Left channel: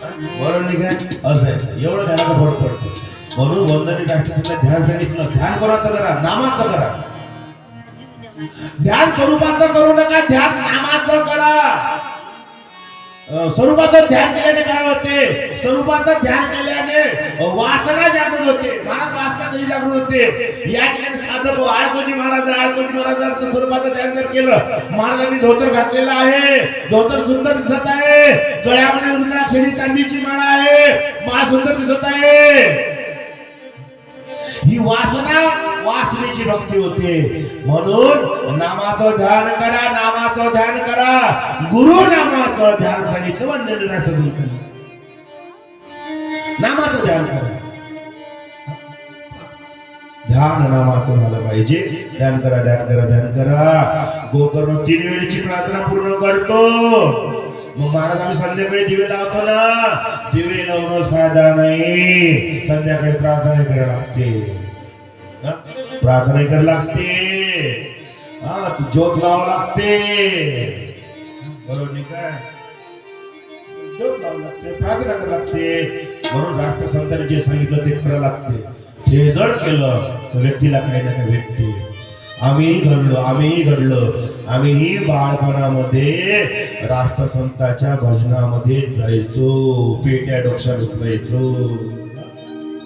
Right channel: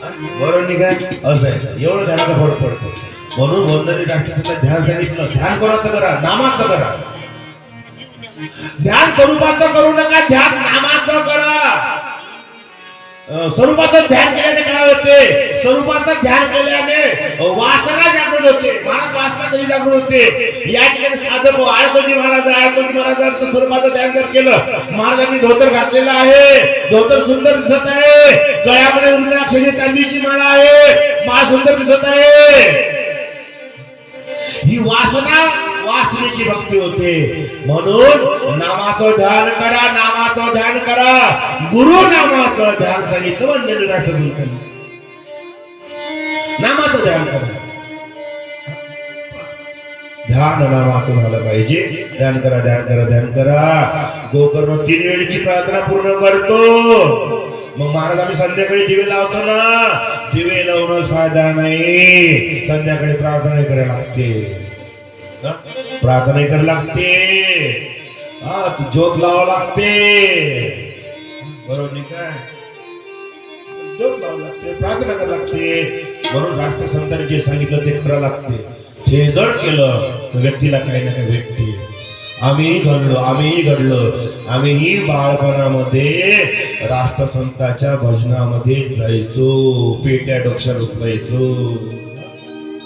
बरोबर नाही काय असं आहे एवढं ध्यानाचा फरक पडतो म्हणून वंदनी राष्ट्रसंत ध्यान सांगितलं ध्यान कोणाचं करा नामाचं करा ध्यान स्वरूपाचं करू नका ध्यान नामाचं करा स्वरूपाचं ध्यान केल्याने काय होते स्वरूपाचं ध्यान केल्याने वासना जागृत होते महाराज वासना कधी जागृत होते या ठिकाणी साधक आळकोजी महाराजांचं स्वरूपाचं ध्यान जर केलं महाराजांनी धोतर घातलेलं आहे धोतर सुंदर दिसत आहे गळ्यामध्ये रुद्राक्षाची चांदीची माळा आहे माळ सुंदर दिसत आहे ही वासना वासनेची भक्ती होते म्हणून नामाचं ध्यान करा गुरु नामाचं ध्यान सांगितलं वंदनी राष्ट्रसंतांनी नामाचं ध्यान करा ध्यान नामाचं झालं पाहिजे ध्यान करा गोकर्ण 3 वेळची प्रार्थना पूर्ण करतो मग महाराज आम्ही संध्याकाळी दिवे लावतो ना दिवे लावून फायदा नाही संध्याकाळी प्रार्थना करायला लागते प्रार्थना करायला लागते तू ज्योत लावा लागते बरोबर नाही काय ज्योत लावा लागते प्रार्थना करायला लागते म्हणून राष्ट्रसंतांनी जे सांगितलं ते करायला लागते हे जड केलं तर व्यक्तीला काही ना काही भेटते आम्ही घडलो आम्हीही बाळपणामध्ये राष्ट्रसंताच्या भजनामध्ये जायचो पेट्या डोक्यावर उचलायचो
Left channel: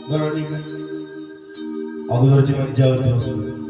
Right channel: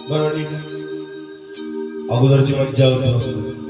बरोबर नाही का अगोदरची मज्जा होती